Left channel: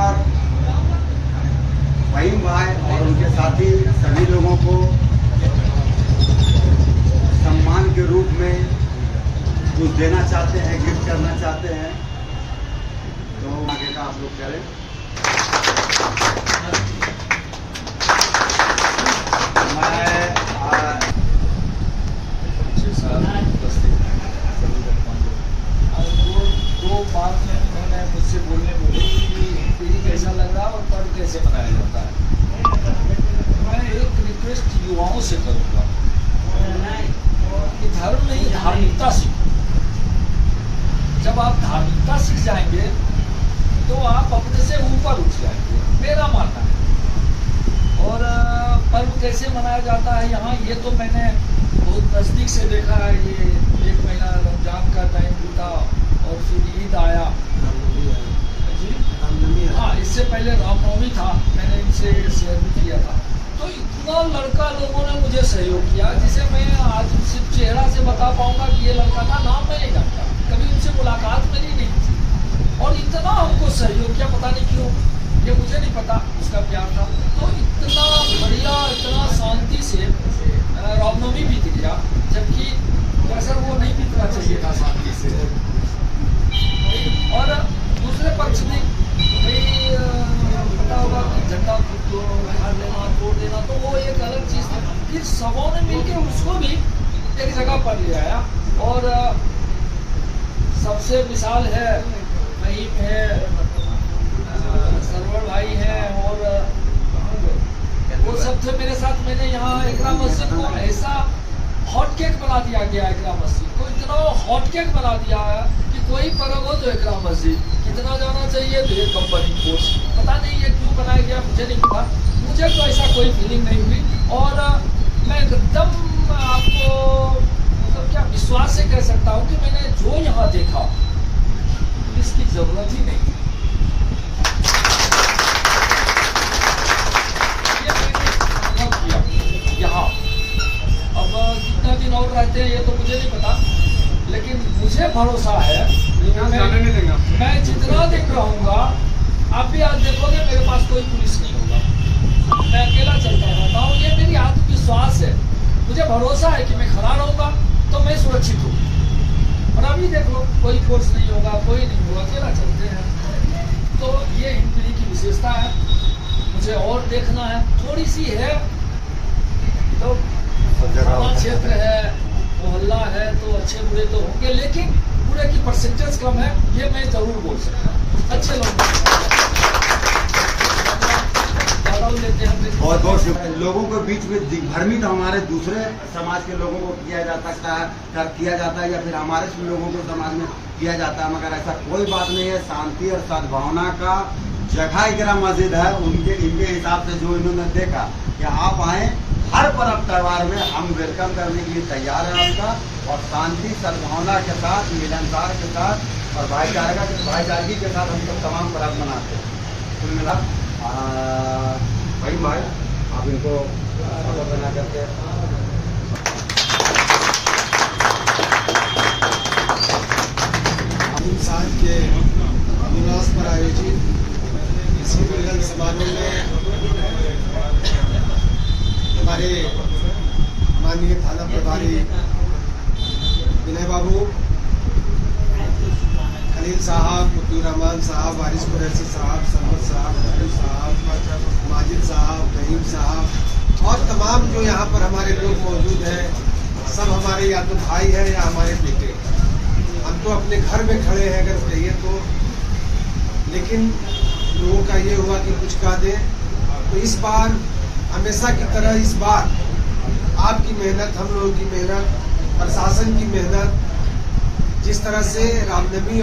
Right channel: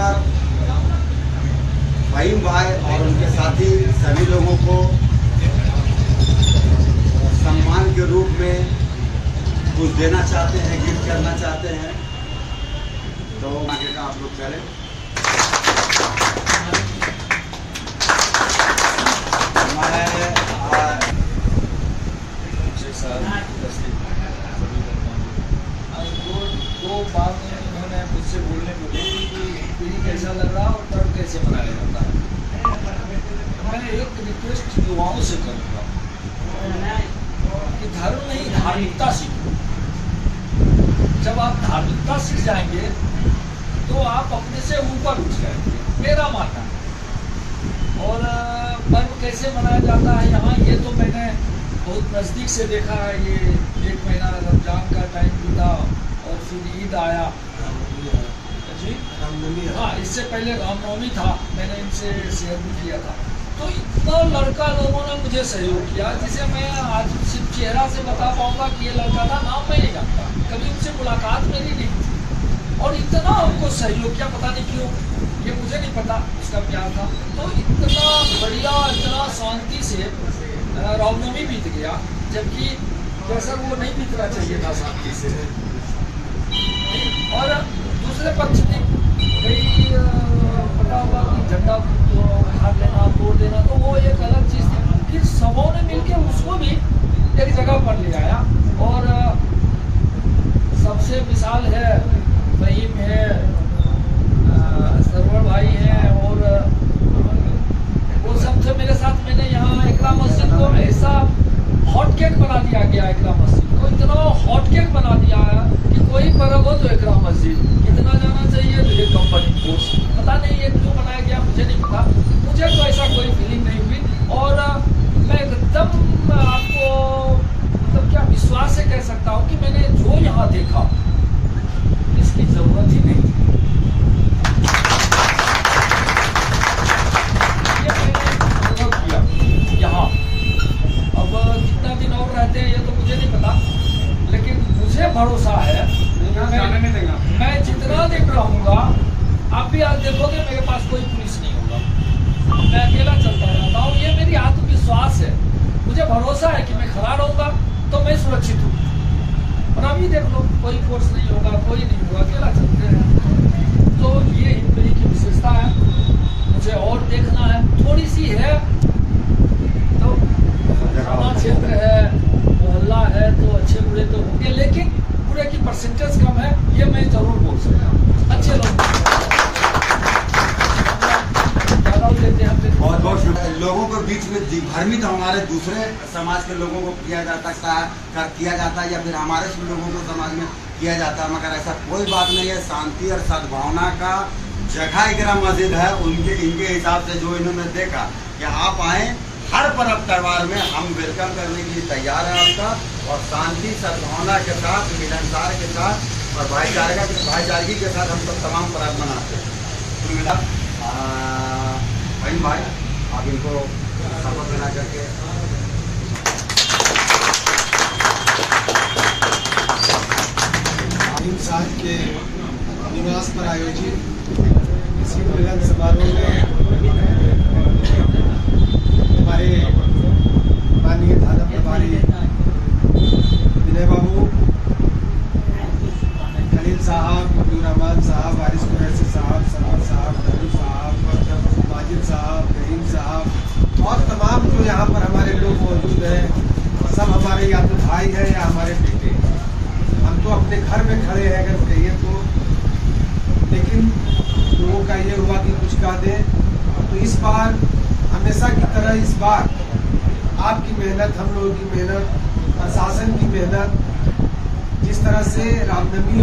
पर फहीम भाई और उनके साथी सभी लोगों को सम्मान के रूप में कुछ देना चाहते हैं, गिफ्ट करना चाहते हैं, तो आगे का आप लोग करें। दो बात उन्होंने मुझसे बोलने बोले कि ये कैसा लग रहा और पर्व कैसे मनाया जाता है। मैं एक रिक्वेस्ट युवाओं से करूँगा कि धर्म नहीं, धार्मिकता सीखो। जब आप धार्मिकता सीख जाएंगे तो आप अपने से ऊपर उठ जाएंगे, मेरा मानना है। और पर्व कैसे मनाया जाता है यहाँ, ये तो मैंने बहुत नज़दीक से देखा है। ये एक महीना रमजान का टाइम बीता और फिर ईद आया जी, हाँ, इससे पहले रामनवमी था, मैंने इनसे शेयर भी किया था। तो इतना लड़का लोगों ने मुझे सहयोग किया जिसे मैं आज सिर्फ चेहरा से बता पाऊंगा कि ये लड़का था, नाम मैं नहीं जानता, कभी उनसे मुलाकात मेरी नहीं थी। और इतना हमको सहयोग किया, पता नहीं क्यों, ये मुझे नहीं पता उसका प्यार था। तो इतना बढ़िया, इतना शांति से रामनवमी बीत गया, जबकि वैसा वो नहीं बीतना चाहिए था शांति से। और दूसरे पक्ष में भाई पता होगा कि झंडा उखाड़ लेना, तोड़ देना, तो वो एक अलग चीज़ थी। फिर सबों ने मिलकर उसको भी एक जगह पर ले आया। और सबसे मिसाल है फहीम है, सरवर भाई हैं, और वो सब थे मेरे साथ। मैंने यहाँ इकरा मस्जिद को ऐसा हॉट केक बना दिया गया, इकरा मस्जिद को इतना हॉट केक बना दिया है कि कोई पर्व हो तो इकरा मस्जिद कितना जाना चाहिए, तो ये कंपनी कोर्स, पता नहीं ये क्यों बनाया गया, मुझे नहीं पता। मुझे तो ऐसा कोई फीलिंग नहीं हुई। और मैं एकदम आपको मतलब क्या विश्वास से कह सकता हूँ कि मैंने जो यहाँ देखा इसकी जरूरत ही नहीं थी। यहाँ अब कितना दिन और रहते हैं ये तो मुझे नहीं पता, लेकिन मुझे भरोसा है मैं जितना दिन रहूँगा, आप भी आज देखोगे मेरे पास कोई पुलिस नहीं होगा, मैं अकेला चलता रहता हूँ। ये मेरी आत्मविश्वास है, मुझे भरोसा है कि मैं खड़ा रहूँगा तो मैं सुरक्षित हूँ। और अभी देख लो, कोई फोर्स नहीं होगा, कोई नहीं होगा, अकेला चलते हैं। तो ये हिंदुस्तान की विशेषता है, मुझे और देखना है, थोड़ी सी है। तो थाना क्षेत्र है, मोहल्ला है, तो अच्छे बुरे तो होंगे, लेकिन बुरे की परसेंटेज कम है, ये मैं जरूर बोल सकता हूँ। अच्छे लोग लेते हैं। बहुत बहुत लोगों के बीच में भ्रमित हमारे दूसरे समाज के लोगों को किया जाता है, या फिर हमारे लोगों को समाज में किया जाता है, मगर ऐसा कोई बात नहीं है। शांति और सद्भावना का जगह इकरा मस्जिद है। इनके हिसाब से जो इन्होंने देखा कि आप आए, हर पर्व त्यौहार में हम वेलकम करने के लिए तैयार हैं आपका, और शांति सद्भावना के साथ, मिलनसार के साथ और भाईचारगी के साथ हम सब तमाम पर्व मनाते हैं। कुल मिला भाई आप इनको शपथ बना करके फहीम साहब के निवास पर आयोजित इसी मिलन समारोह में हमारे माननीय थाना प्रभारी विनय बाबू, खलील साहब, अब्दुल रहमान साहब, वारिस कुरैशी साहब, समीर साहब, अब्दुल साहब, माजिद साहब, रहीम साहब और तमाम जो यहाँ पर हमारे लोग मौजूद हैं, सब हमारे या तो भाई हैं या हमारे बेटे। हम तो अपने घर में खड़े हैं अगर कहिए तो, लेकिन लोगों का ये हुआ कि कुछ कह दें। तो इस बार हमेशा की तरह इस बार आपकी मेहनत, हम लोगों की मेहनत, प्रशासन की मेहनत, जिस तरह से रामनवमी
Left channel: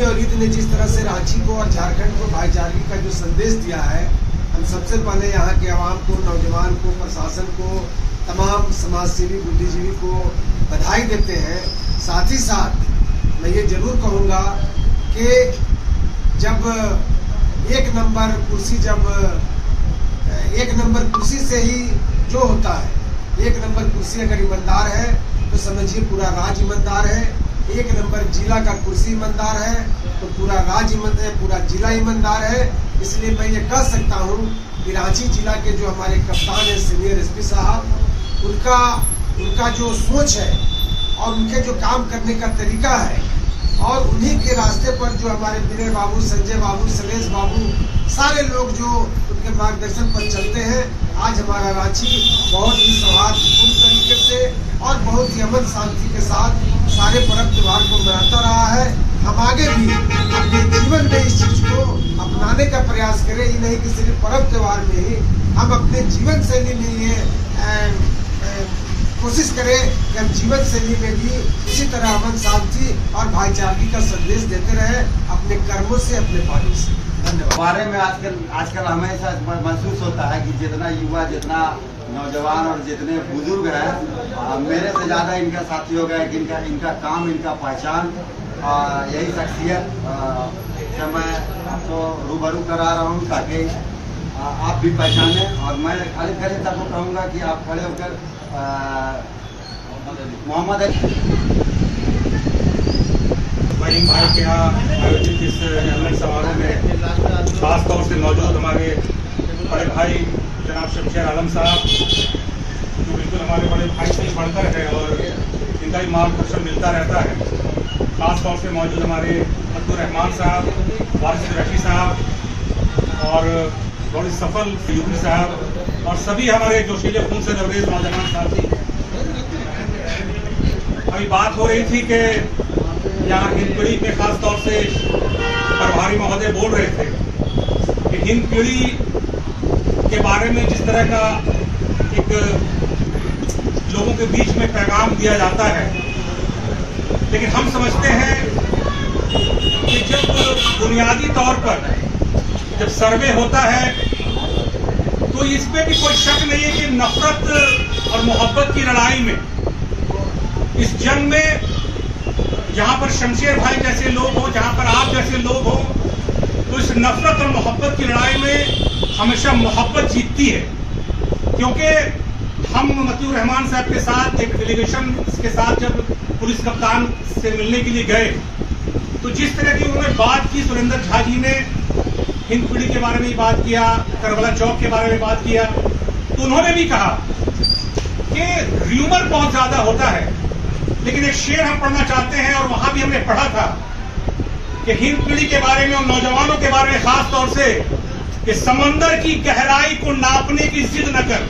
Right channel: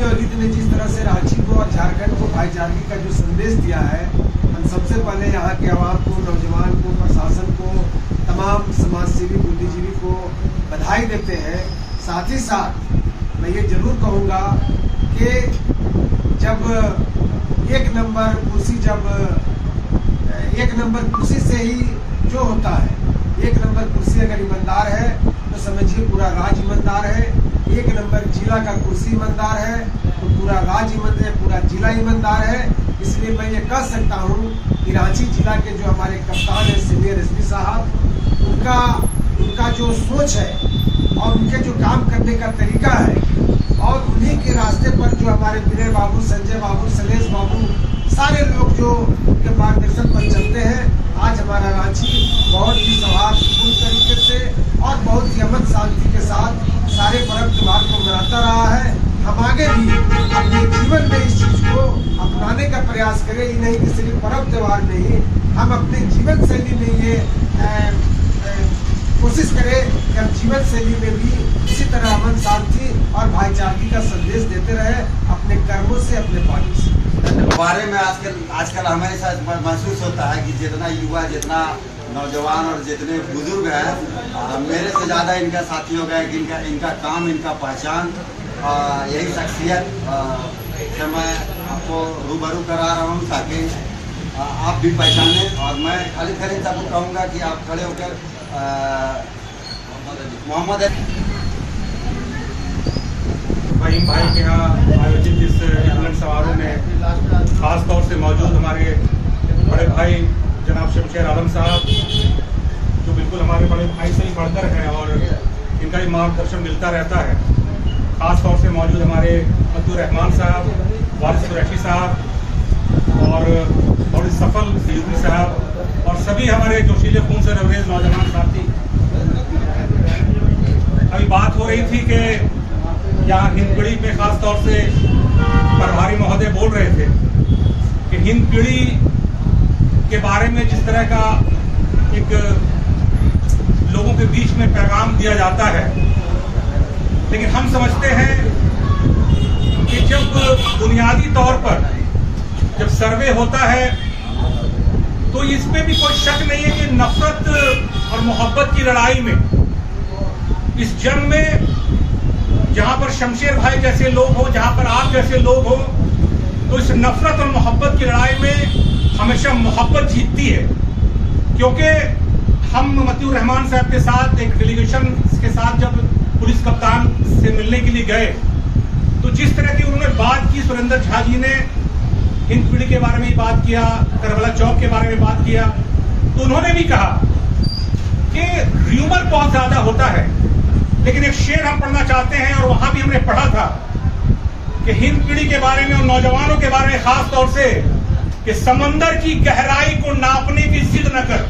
और ईद ने जिस तरह से रांची को और झारखंड को भाईचारगी का जो संदेश दिया है, हम सबसे पहले यहाँ के आवाम को, नौजवान को, प्रशासन को, तमाम समाजसेवी, बुद्धिजीवी को बधाई देते हैं। साथ ही साथ मैं ये जरूर कहूँगा कि जब एक नंबर कुर्सी से ही जो होता है, एक नंबर कुर्सी अगर ईमानदार है तो समझिए पूरा राज्य ईमानदार है। एक नंबर जिला का कुर्सी ईमानदार है तो पूरा राज्य ईमानदार है, पूरा जिला ईमानदार है। इसलिए मैं ये कह सकता हूँ कि रांची जिला के जो हमारे कप्तान है सीनियर एसपी साहब, उनका जो सोच है और उनके जो काम करने का तरीका है और उन्हीं के रास्ते पर जो हमारे विनय बाबू, संजय बाबू, शैलेश बाबू, सारे लोग जो उनके मार्गदर्शन पर चलते हैं, आज हमारा रांची बहुत ही सौहार्दपूर्ण तरीके से और बहुत ही अमन शांति के साथ सारे पर्व त्योहार को मनाता रहा है। हम आगे भी अपने जीवन में इस चीज को अपनाने का प्रयास करें, ये नहीं कि सिर्फ पर्व त्योहार में ही, हम अपने जीवन शैली में ये कोशिश करें कि हम जीवन शैली में भी इसी तरह अमन शांति और भाईचारगी का संदेश देते रहे अपने कर्मों से, अपने वाणी से। धन्यवाद। बारे में आजकल हमें ऐसा महसूस होता है कि जितना युवा, जितना नौजवान और जितने बुजुर्ग हैं, मेरे से ज़्यादा इनका साथी हो गया कि इनका काम, इनका पहचान, यही शख्सियत से मैं आपको रूबरू करा रहा हूँ ताकि आप भी पहचान लें। और मैं खाली सबको कहूँगा कि आप खड़े होकर मोहम्मद फहीम भाई के यहाँ आयोजित इस मिलन समारोह में खास तौर से मौजूद हमारे बड़े भाई जनाब शमशेर आलम साहब, जो बिल्कुल हमारे बड़े भाई से ही बढ़कर है और इनका ही मार्गदर्शन मिलता रहता है। खास तौर से मौजूद हमारे अब्दुल रहमान साहब, वारिस कुरैशी साहब और बहुत सफल फिल्मी साहब और सभी हमारे जोशीले खून से लबरेज नौजवान साथी। अभी बात हो रही थी कि यहाँ हिंदपीढ़ी पे खास तौर से प्रभारी महोदय बोल रहे थे कि हिंदपीढ़ी के बारे में जिस तरह का एक लोगों के बीच में पैगाम दिया जाता है, लेकिन हम समझते हैं कि जब बुनियादी तौर पर जब सर्वे होता है तो इस पे भी कोई शक नहीं है कि नफरत और मोहब्बत की लड़ाई में, इस जंग में जहां पर शमशेर भाई जैसे लोग हो, जहां पर आप जैसे लोग हो, तो इस नफरत और मोहब्बत की लड़ाई में हमेशा मोहब्बत जीतती है। क्योंकि हम मतीउर रहमान साहब के साथ एक डेलीगेशन के साथ जब पुलिस कप्तान से मिलने के लिए गए तो जिस तरह की उन्होंने बात की, सुरेंद्र झा जी ने हिंदपीढ़ी के बारे में बात किया, करबला चौक के बारे में बात किया, तो उन्होंने भी कहा कि र्यूमर बहुत ज्यादा होता है, लेकिन एक शेर हम पढ़ना चाहते हैं और वहां भी हमने पढ़ा था कि हिंद पीढ़ी के बारे में और नौजवानों के बारे में खास तौर से कि समंदर की गहराई को नापने की जिद न कर,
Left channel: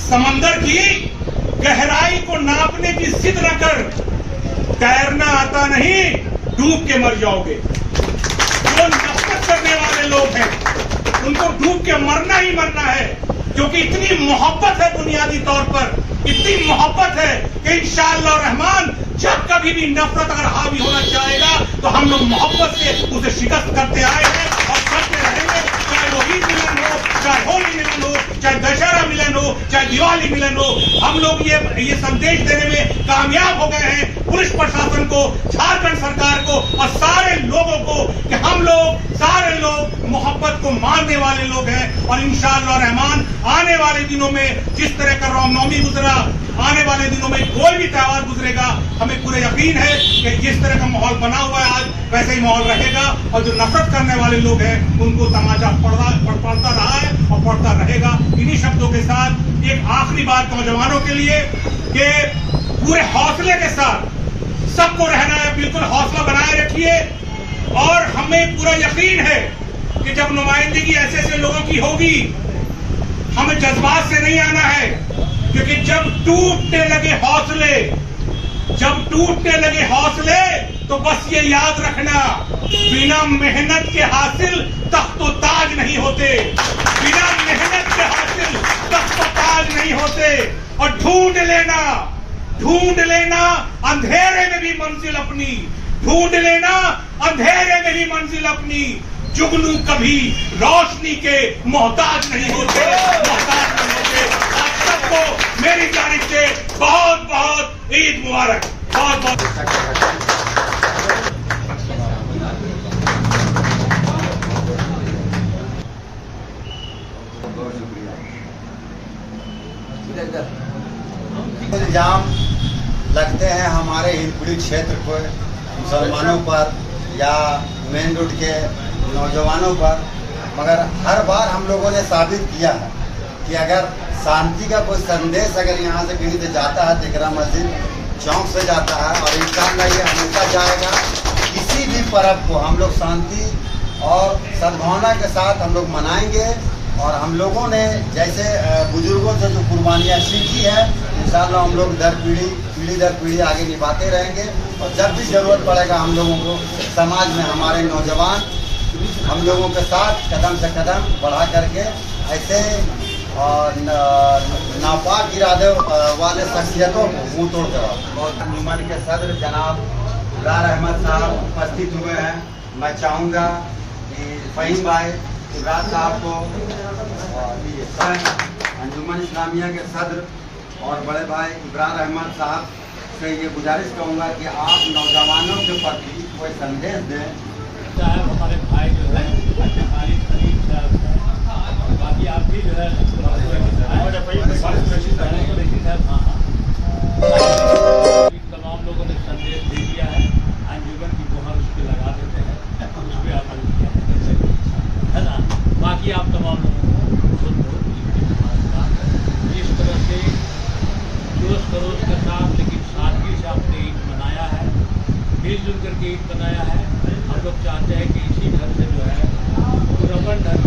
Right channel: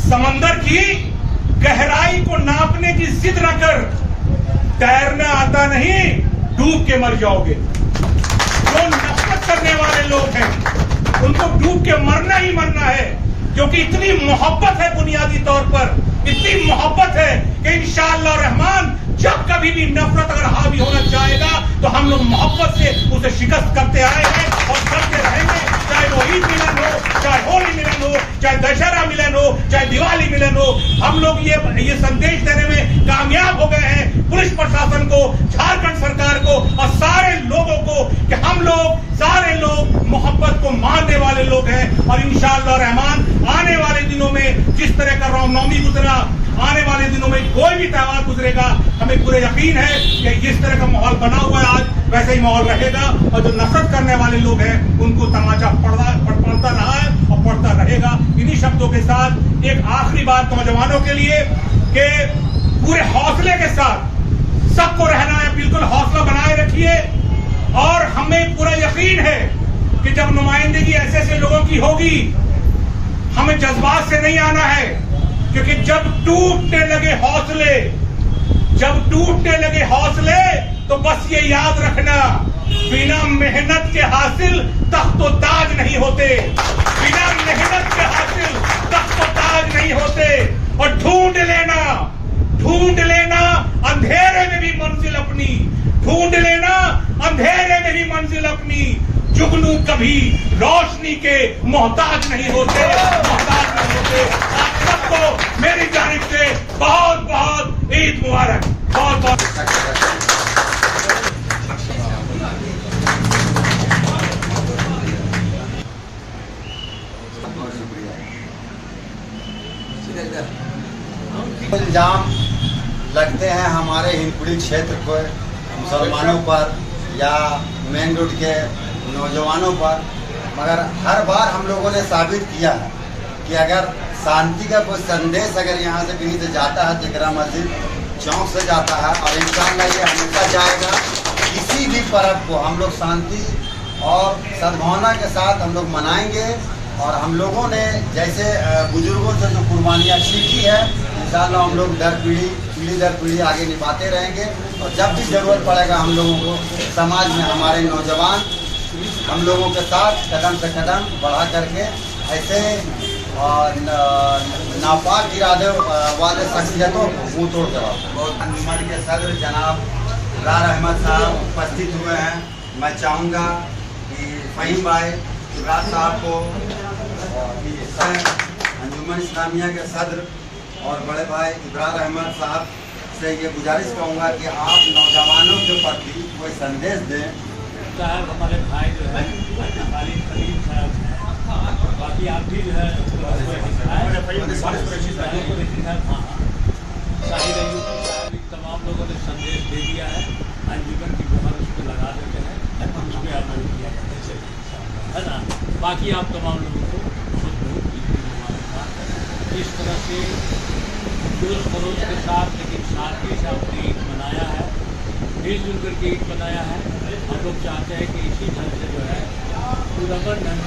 समंदर की गहराई को नापने की जिद न कर, तैरना आता नहीं डूब के मर जाओगे। जो नफरत करने वाले लोग हैं उनको डूब के मरना ही मरना है, क्योंकि इतनी मोहब्बत है, बुनियादी तौर पर इतनी मोहब्बत है कि इंशाअल्लाह रहमान जब कभी भी नफरत अगर हावी होना चाहेगा तो हम लोग मोहब्बत से उसे शिकस्त करते आए हैं और करते रहेंगे। चाहे वो ईद मिलन हो, चाहे होली मिलन हो, चाहे दशहरा मिलन हो, चाहे दिवाली मिलन हो, हम लोग ये संदेश देने में कामयाब हो गए हैं पुलिस प्रशासन को, झारखंड सरकार को और सारे लोगों को कि हम लोग सारे लोग मोहब्बत को मानने वाले लोग हैं। और इंशाअल्लाह रहमान आने वाले दिनों में जिस तरह का रामनवमी गुजरा, आने वाले दिनों में कोई भी त्योहार गुजरेगा, हमें पूरे यकीन है कि जिस तरह का माहौल बना हुआ है आज वैसे ही माहौल रहेगा। और जो नफरत करने वाले लोग हैं उनको तमाचा पड़ता रहा है और पड़ता रहेगा। इन्हीं शब्दों के साथ एक आखिरी बात नौजवानों के लिए कि पूरे हौसले के साथ सबको रहना है, बिल्कुल हौसला बनाए रखिए। और हमें पूरा यकीन है कि जब नुमाइंदगी ऐसे ऐसे लोगों की होगी, हमें जज्बात से नहीं आना है, क्योंकि जब टूटने लगे हौसले, जब टूटने लगे हौसले तो बस ये याद रखना, बिना मेहनत के हासिल तख्त व ताज नहीं होते, बिना मेहनत के हासिल तख्त व ताज नहीं होते। और ढूंढ लेना अंधेरे में भी मंजिल अपनी, ढूंढ लेना अंधेरे में भी मंजिल अपनी। जुगनू कभी रोशनी के मोहताज नहीं होते, मोहताज नहीं होते। आप सबको मेरी जानिब से बहुत बहुत ईद मुबारक, बहुत बहुत। इल्जाम लगते हैं हमारे हिंद हिंदपीढ़ी क्षेत्र को मुसलमानों पर या मेन रोड के नौजवानों पर, मगर हर बार हम लोगों ने साबित किया है कि अगर शांति का कोई संदेश अगर यहाँ से कहीं से जाता है, तिकरा मस्जिद चौक से जाता है, और इंशाअल्लाह ये हमेशा जाएगा। किसी भी पर्व को हम लोग शांति और सद्भावना के साथ हम लोग मनाएंगे, और हम लोगों ने जैसे बुजुर्गों से जो कुर्बानियाँ सीखी है, इंशाअल्लाह हम लोग पीढ़ी दर पीढ़ी आगे निभाते रहेंगे। और जब भी ज़रूरत पड़ेगा हम लोगों को, समाज में हमारे नौजवान हम लोगों के साथ कदम से कदम बढ़ा करके ऐसे नापाक इरादे वाले शख्सियतों को मुँह तोड़ जवाब। बहुत अंजुमन के सदर जनाब इब्रार अहमद साहब उपस्थित हुए हैं। मैं चाहूँगा कि फ़हीम भाई इब्रार साहब को अंजुमन इस्लामिया के सदर और बड़े भाई इब्रार अहमद साहब से ये गुजारिश करूँगा कि आप नौजवानों के प्रति कोई संदेश दें। साहब हमारे भाई जो है खालिद खलील साहब हैं, और बाकी आप भी जो है तमाम लोगों ने संदेश दे दिया है। अंजुमन की मोहर उस पर लगा देते हैं, उस पर अमल किया है ना। बाकी आप तमाम लोगों को सुन लो इस तरह से जोश खरोश के साथ, लेकिन सादगी से आपने ईद मनाया है, मिलजुल करके ईद मनाया है। हम लोग चाहते हैं कि इसी ढंग से जो है पुरअमन ढंग